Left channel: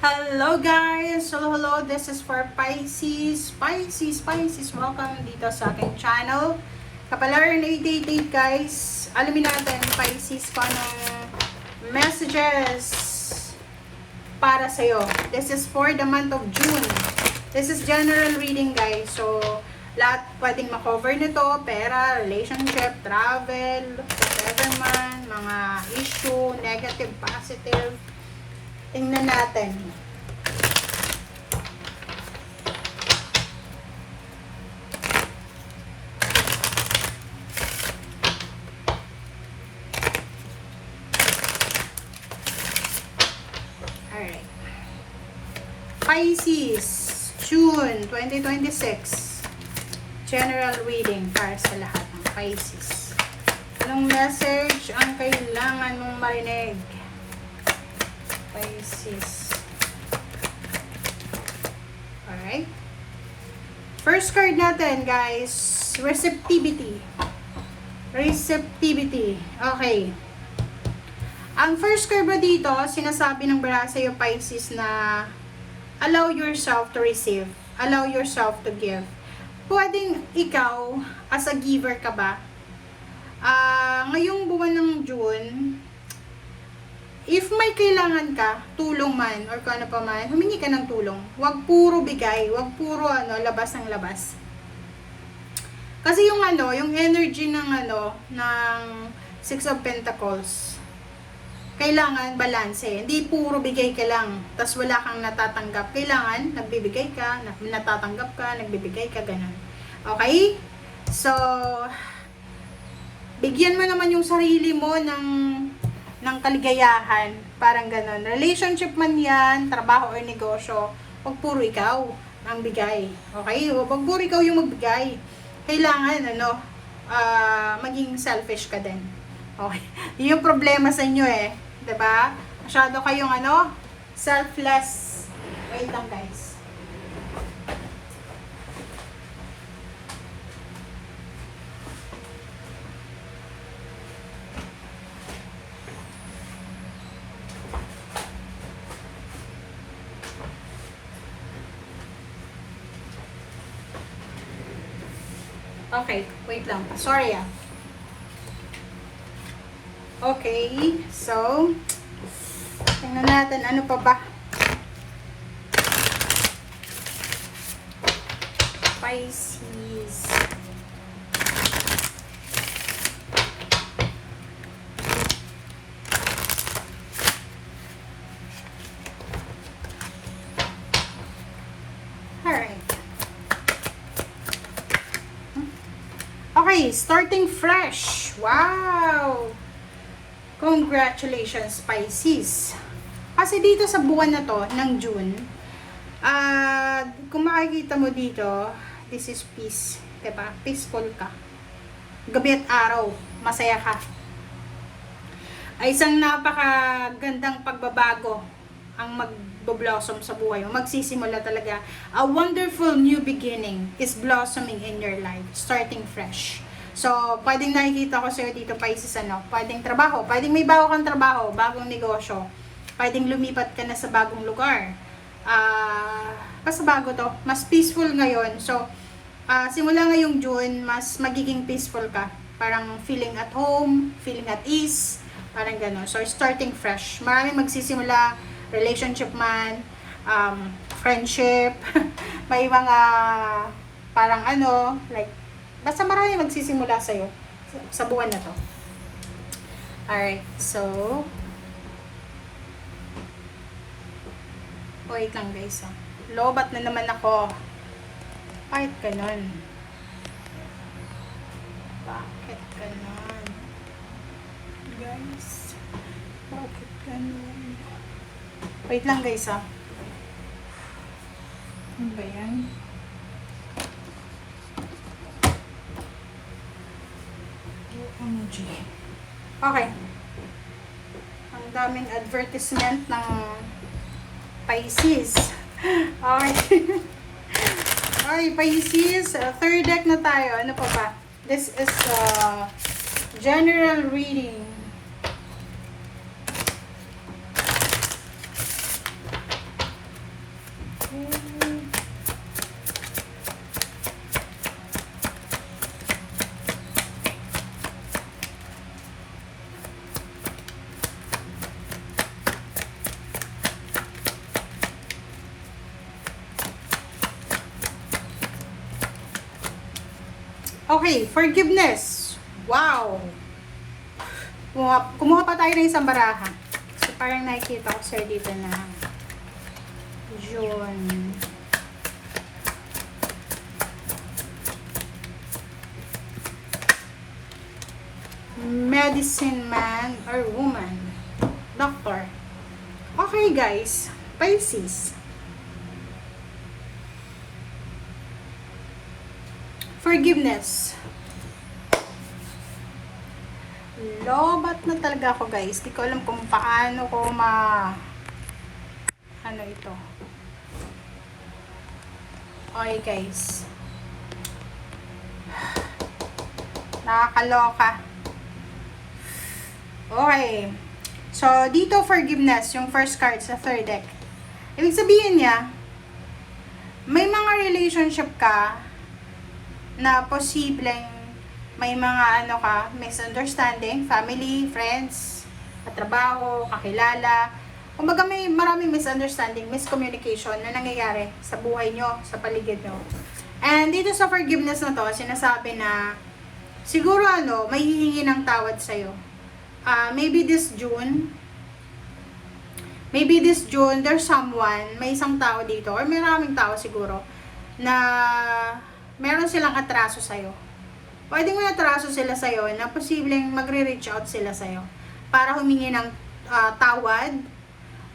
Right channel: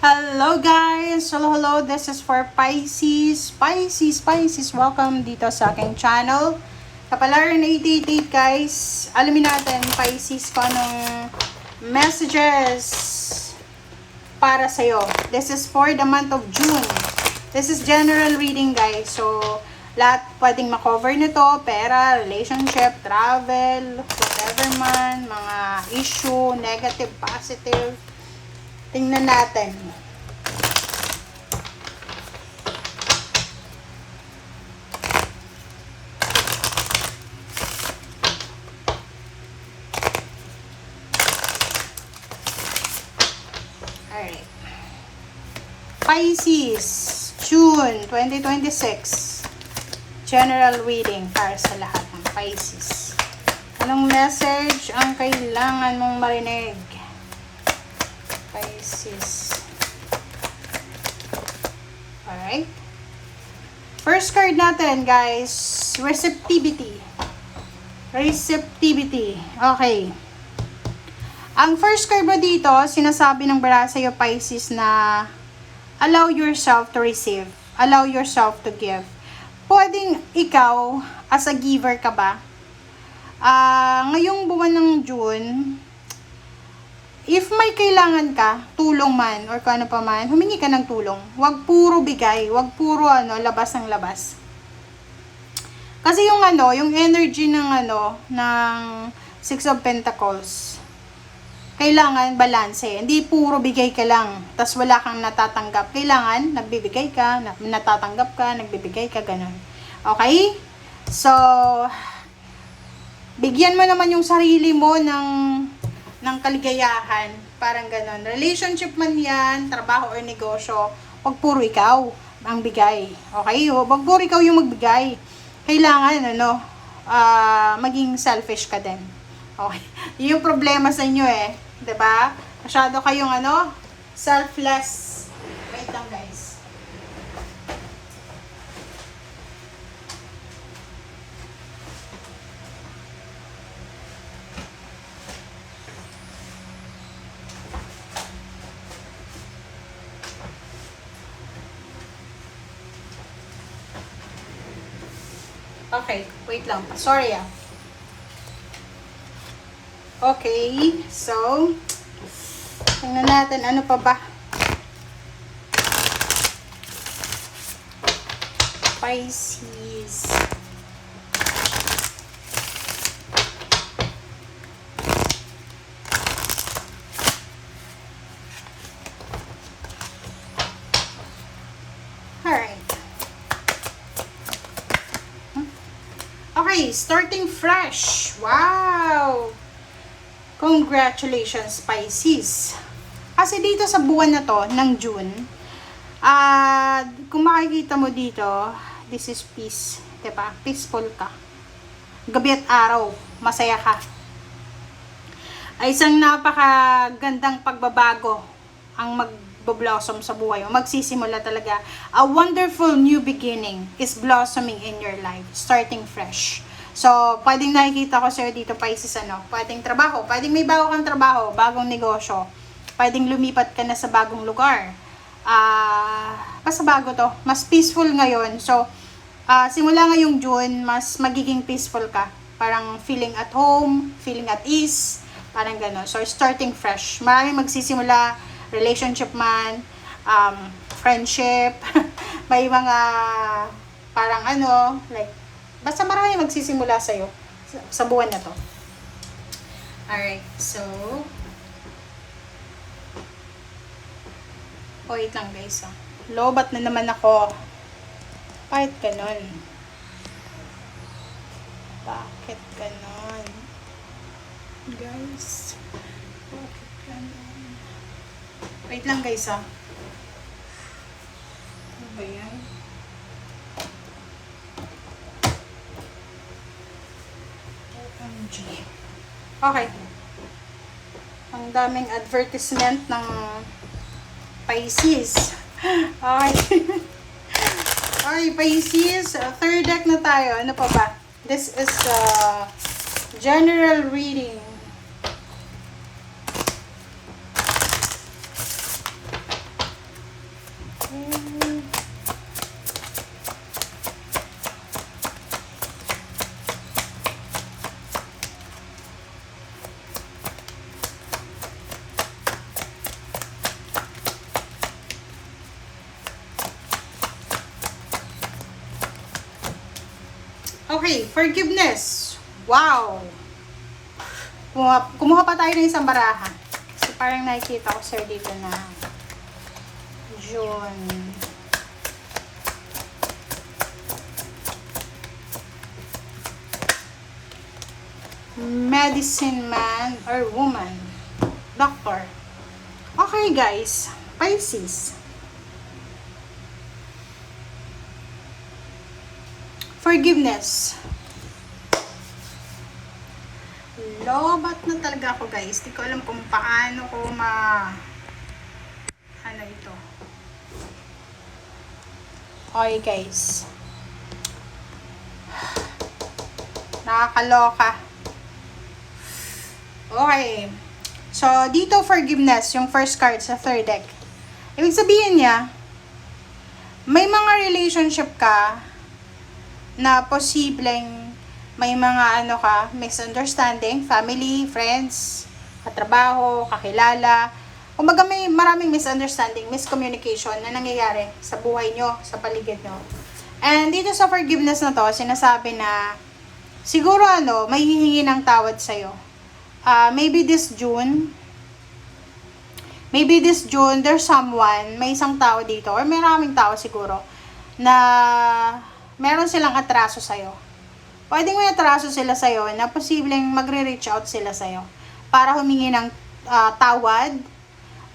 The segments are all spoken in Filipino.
Hello guys! Hello. This is for Pisces. Pisces. Welcome dito sa aking channel. Kapalaran 888 guys. Alamin natin Pisces kung anong messages para sa'yo. This is for the month of June. This is general reading guys. So, lahat pwedeng makover nito. Pera, relationship, travel, whatever man, mga issue, negative, positive. Tingnan natin. Alright. Pisces, June 2026. General reading para sa lahat ng Pisces. Anong message ang kailangan mong marinig? Pisces. Alright. First card natin, guys. Receptivity. Okay. Ang first card mo dito, sinasabi ng bara sa'yo, Pisces, na allow yourself to receive. Allow yourself to give. Pwedeng ikaw, as a giver ka ba? Ngayong buwan ng June, if may kailangan ka, tulong man, or kung ano pa man, humingi ka ng tulong. Huwag puro bigay, huwag puro labas ng labas. Kasi yung yung energy ng Six of Pentacles, kailangan balanse. Hindi puro bigay ka lang, tas wala kang natatanggap. Kailangan, nagbibigay ka, natatanggap ka, nagbibigay ka, ganun. Okay? So, bigyan mo naman yung sarili mo ng kaligayahan, parang ganon. Relationship man yan, trabaho or negosyo, wag puro ikaw ang bigay. Okay? Wag puro ikaw yung magbigay. Kailangan, maging selfish ka din. Okay? Yun yung problema sa inyo eh. Diba? Masyado kayong selfless. Wait lang guys. Okay, wait lang. Sorry ah. Okay, so, tingnan natin ano pa ba. Pisces. Alright. Okay, starting fresh. Wow! Congratulations, Pisces. Kasi dito sa buwan na to, ng June, kung makikita mo dito, this is peace. Diba? Peaceful ka. Gabi at araw, masaya ka. Ay isang napakagandang pagbabago ang magbo-blossom sa buhay mo. Magsisimula talaga. A wonderful new beginning is blossoming in your life. Starting fresh. So, pwedeng nakikita ko sa'yo dito, Pisces, pwedeng trabaho, pwedeng may bago kang trabaho, bagong negosyo, pwedeng lumipat ka na sa bagong lugar. Basta bago to, mas peaceful ngayon. So, simula ngayong June, mas magiging peaceful ka. Parang feeling at home, feeling at ease, parang gano'n. So, starting fresh. Maraming magsisimula, relationship man, friendship, may mga parang like, basta marami magsisimula sa'yo sa buwan na to. Alright, so wait lang guys. Lobat na naman ako. Bakit ganon? Bakit ganon? Guys, bakit ganon? Wait lang guys Ano ba yan? Okay. Ang daming advertisement ng Pisces. Okay. Okay, Pisces. Third deck na tayo. Ano pa ba? This is general reading. Okay, forgiveness. Wow! Kumuha pa tayo ng isang baraha. So, parang nakikita ko sir dito na June. Medicine man or woman. Doctor. Okay guys, Pisces. Forgiveness. Lobat na talaga ako guys. Di ko alam kung paano ko ano ito. Okay guys. Nakakaloka. Okay. So, dito forgiveness, yung first card sa third deck. Ibig sabihin niya, may mga relationship ka na posibleng may mga misunderstanding, family, friends, katrabaho, kakilala. Kumbaga may maraming misunderstanding, miscommunication na nangyayari sa buhay nyo, sa paligid nyo. And dito sa forgiveness na to, sinasabi na siguro may hihingi ng tawad sa'yo. Maybe this June, there's someone, may isang tao dito, or maraming tao siguro, na meron silang atraso sa'yo. Pwedeng may atraso sila sa'yo na posibleng magre-reach out sila sa'yo para humingi ng tawad,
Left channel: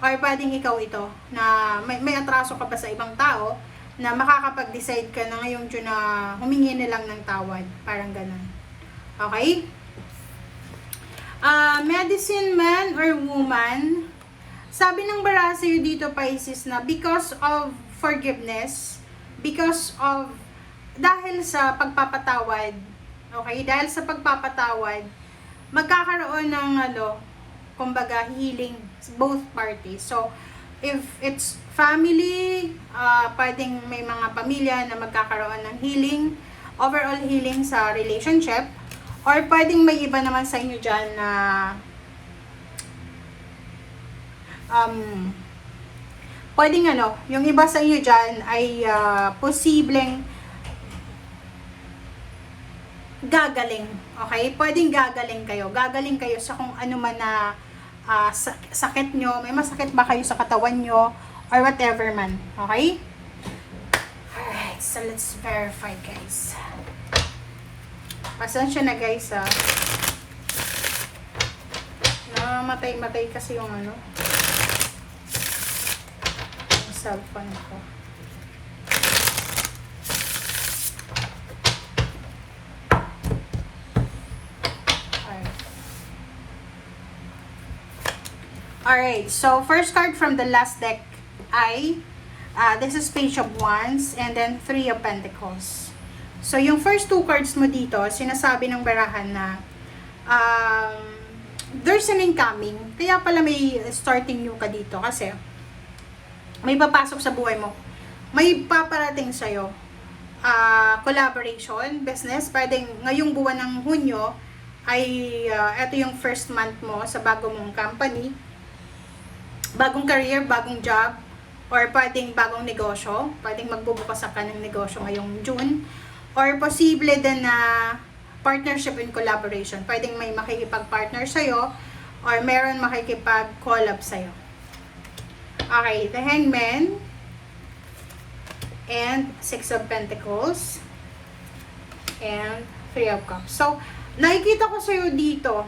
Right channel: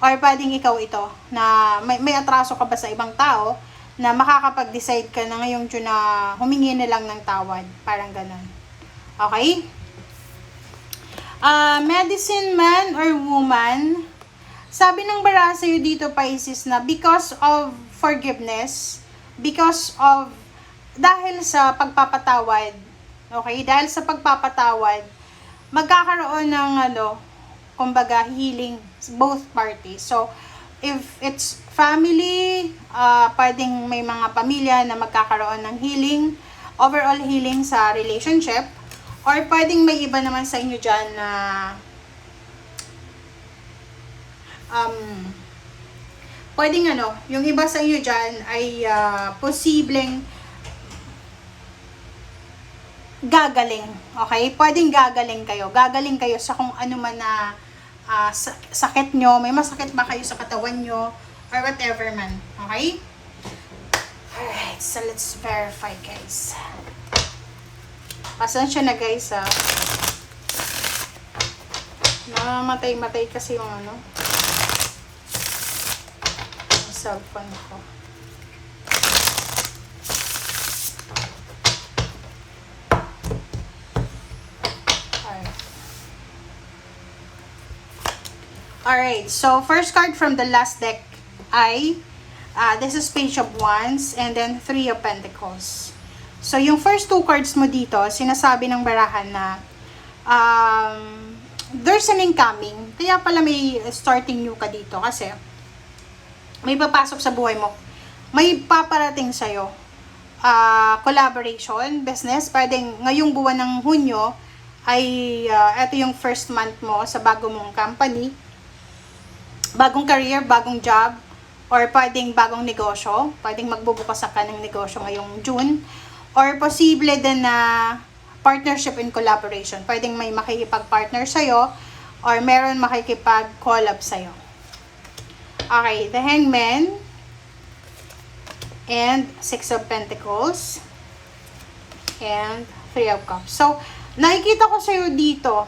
or pwedeng ikaw ito, na may atraso ka pa sa ibang tao, na makakapag-decide ka na ngayong June na humingi na lang ng tawad. Parang ganun. Okay? Medicine man or woman, sabi ng baraha sa'yo dito, Pisces, na because of forgiveness, dahil sa pagpapatawad, okay, dahil sa pagpapatawad, magkakaroon ng kumbaga healing both parties. So, if it's family, pwedeng may mga pamilya na magkakaroon ng healing, overall healing sa relationship, or pwedeng may iba naman sa inyo dyan na pwedeng yung iba sa inyo dyan ay posibleng gagaling. Okay? Pwedeng gagaling kayo sa kung ano man na sakit nyo. May masakit ba kayo sa katawan nyo or whatever man. Okay? Alright, so let's verify guys. Pasensya na guys Namatay kasi yung yung cellphone ko. Alright, so first card from the last deck ay this is Page of Wands and then Three of Pentacles. So yung first two cards mo dito, sinasabi ng barahan na there's an incoming. Kaya pala may starting new ka dito kasi may papasok sa buhay mo. May paparating sa'yo. Collaboration, business. Pwedeng ngayong buwan ng Hunyo ay ito yung first month mo sa bago mong company. Bagong career, bagong job, or pwedeng bagong negosyo. Pwedeng magbubukas ka ng negosyo ngayong June. Or posible din na partnership and collaboration. Pwedeng may makikipag-partner sa'yo or meron makikipag-collab sa'yo. Okay, the Hangman and Six of Pentacles and Three of Cups. So, nakikita ko sa'yo dito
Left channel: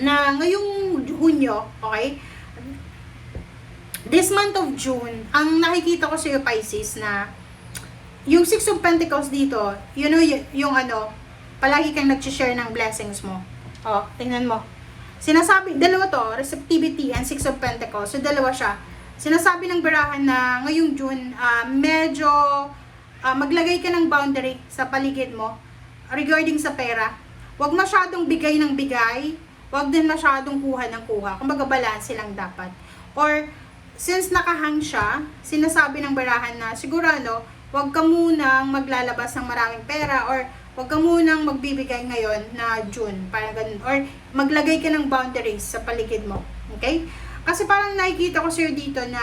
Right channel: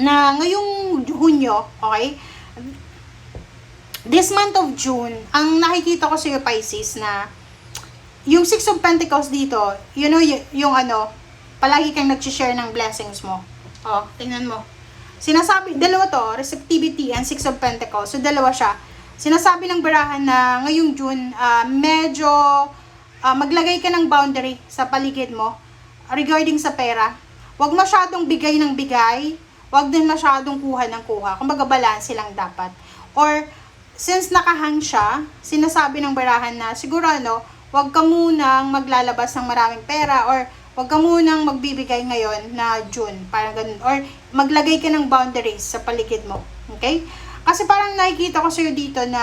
na ngayong Hunyo, okay, this month of June, ang nakikita ko sa'yo, Pisces, na yung Six of Pentacles dito, yung palagi kang nag-share ng blessings mo. Oh, tingnan mo. Sinasabi, dalawa to, receptivity and Six of Pentacles. So, dalawa siya. Sinasabi ng barahan na ngayong June, medyo maglagay ka ng boundary sa paligid mo regarding sa pera. Huwag masyadong bigay ng bigay. Huwag din masyadong kuha ng kuha. Kumbaga, balance lang dapat. Or, since nakahang siya, sinasabi ng barahan na siguro wag ka munang maglalabas ng maraming pera or wag ka munang magbibigay ngayon na June, parang ganun. Or maglagay ka ng boundaries sa paligid mo. Okay? Kasi parang nakikita ko sa'yo dito na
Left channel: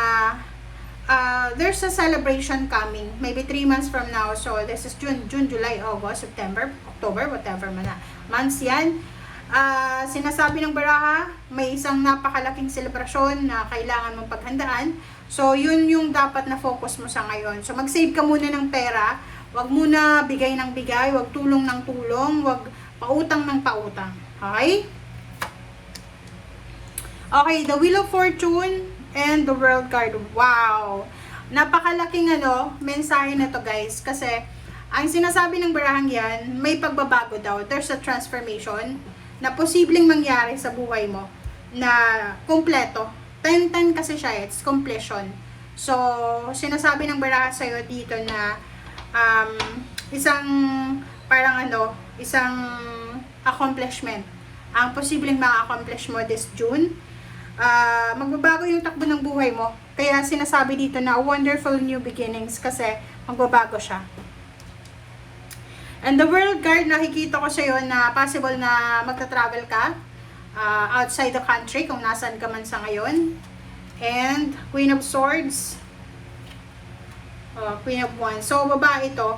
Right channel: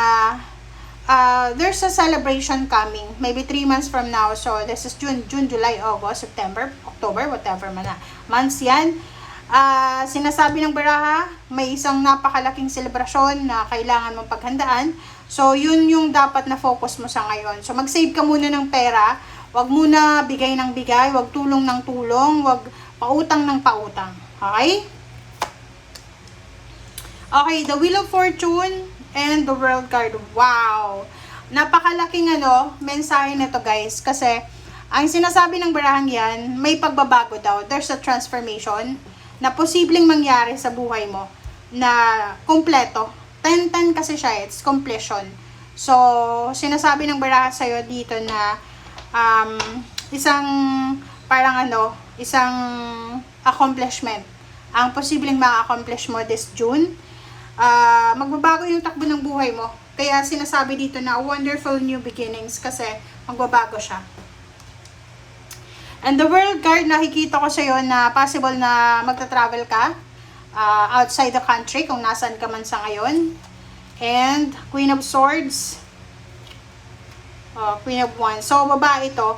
there's a celebration coming, maybe 3 months from now. So, this is June, July, August, September, October, whatever man na. Months yan. Sinasabi ng baraha, may isang napakalaking selebrasyon na kailangan mong paghandaan. So, yun yung dapat na focus mo sa ngayon. So, mag-save ka muna ng pera. Wag muna bigay ng bigay, wag tulong ng tulong, wag pautang ng pautang. Okay? Okay, the Wheel of Fortune and the World card. Wow! Napakalaking mensahe na to guys. Kasi, ang sinasabi ng barahang yan, may pagbabago daw. There's a transformation na posibleng mangyari sa buhay mo na kumpleto. 10-10 kasi siya, it's completion. So, sinasabi ng baraha sa'yo dito na isang isang accomplishment ang posibleng ma-accomplish mo this June. Magbabago yung takbo ng buhay mo. Kaya sinasabi dito na wonderful new beginnings kasi magbabago siya. And the World card, nakikita ko sa'yo na possible na magta-travel ka outside the country kung nasaan ka man sa ngayon. And Queen of Swords, Queen of Wands. So, babae ito.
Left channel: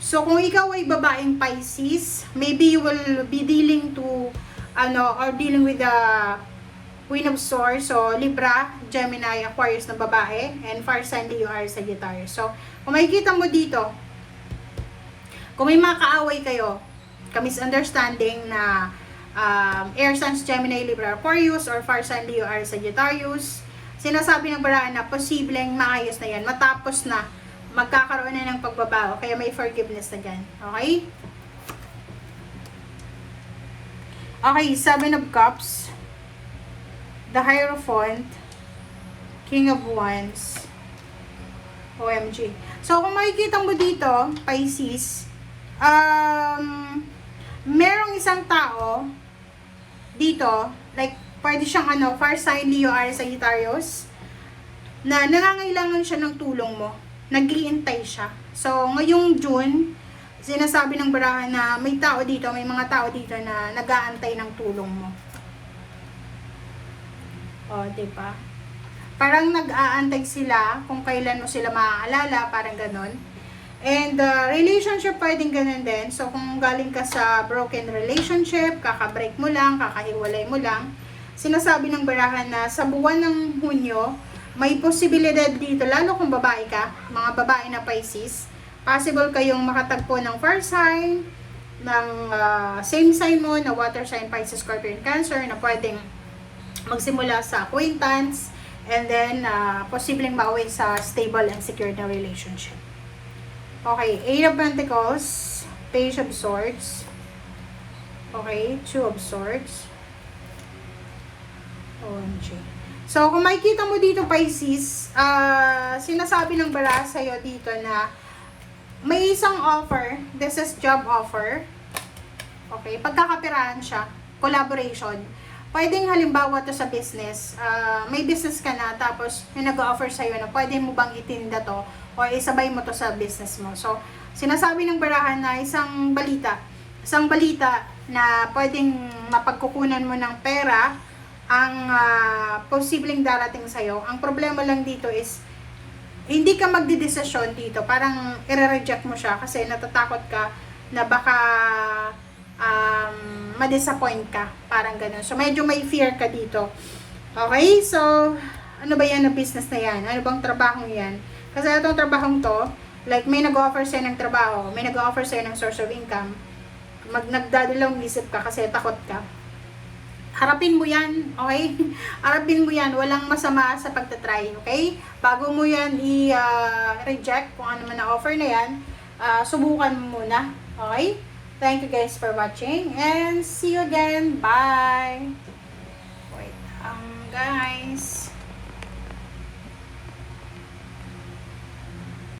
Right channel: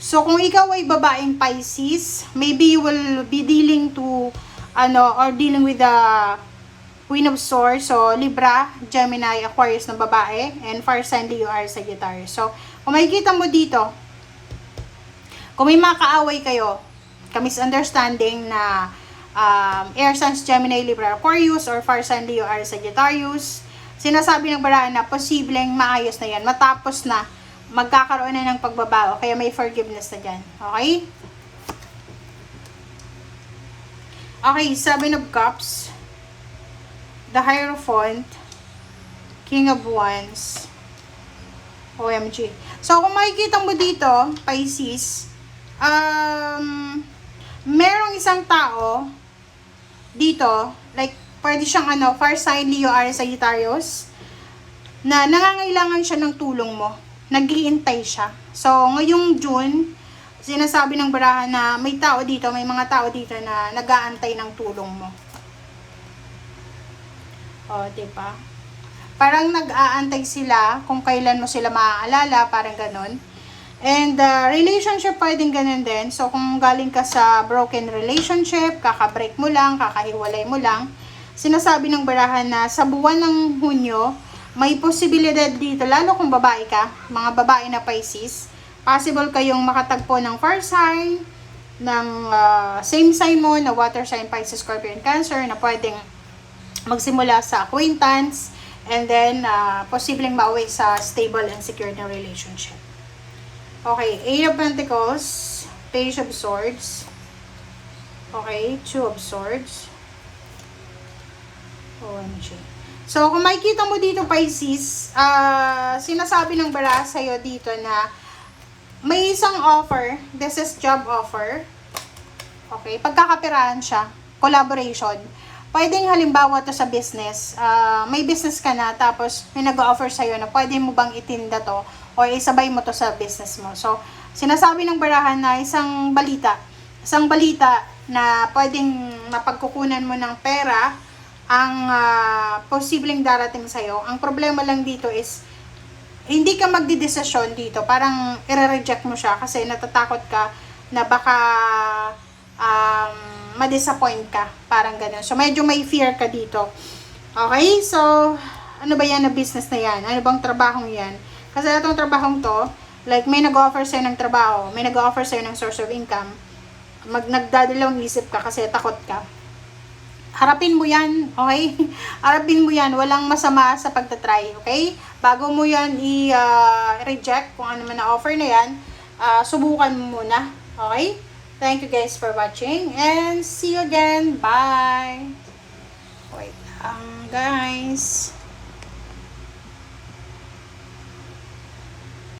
So, kung ikaw ay babaeng Pisces, maybe you will be dealing to, or dealing with the Queen of Swords. So, Libra, Gemini, Aquarius na babae, and fire sign Leo, Aries, Sagittarius. So, kung makikita mo dito, kung may makaaway kayo, ka-misunderstanding na air signs, Gemini, Libra, Aquarius, or fire sign Leo, Aries, Sagittarius, sinasabi ng barahan na posibleng maayos na yan, matapos na magkakaroon na ng pagbabago, kaya may forgiveness na dyan. Okay? Okay, 7 of Cups, the Hierophant, King of Wands, OMG. So, kung makikita mo dito, Pisces, merong isang tao dito, like, pwede siyang fire sign Leo, Aries, Sagittarius, na nangangailangan siya ng tulong mo. Nag-iintay siya. So, ngayong June, sinasabi ng barahan na may tao dito, may mga tao dito na nag-aantay ng tulong mo. O, diba? Parang nag-aantay sila kung kailan mo sila maaalala, parang ganon. And relationship pwedeng ganun din. So, kung galing ka sa broken relationship, kakabreak mo lang, kakahiwalay mo lang, sinasabi ng barahan na sa buwan ng Hunyo, may posibilidad dito, lalo kung babae ka, mga babae na Pisces, possible kayong makatagpo ng fire sign, ng same sign mo, na water sign, Pisces, Scorpio, and Cancer, na pwedeng magsimula sa acquaintance, and then posibleng mauwi sa stable and secure na relationship. Okay, 8 of Pentacles, Page of Swords, okay, 2 of Swords, OMG. So, kung makikita mo dito, Pisces, sinasabi ng baraha sa'yo dito na may isang offer, this is job offer, okay, pagkakapirahan siya, collaboration. Pwedeng halimbawa to sa business, may business ka na, tapos may nag-offer sa'yo na pwede mo bang itinda to, o isabay mo to sa business mo. So, sinasabi ng barahan na isang balita na pwedeng mapagkukunan mo ng pera, ang posibleng darating sa'yo. Ang problema lang dito is, hindi ka magdidesisyon dito. Parang i-reject mo siya kasi natatakot ka na baka ma-disappoint ka. Parang ganun. So, medyo may fear ka dito. Okay? So, ano ba yan na business na yan? Ano bang trabahong yan? Kasi itong trabahong to, like may nag-offer sa'yo ng trabaho, may nag-offer sa'yo ng source of income, nagdadalawang isip ka kasi takot ka. Harapin mo yan, okay? Harapin mo yan, walang masama sa pagtatry, okay? Bago mo yan i-reject, kung ano man na offer na yan, subukan mo muna, okay? Thank you guys for watching, and see you again, bye! Wait lang, guys.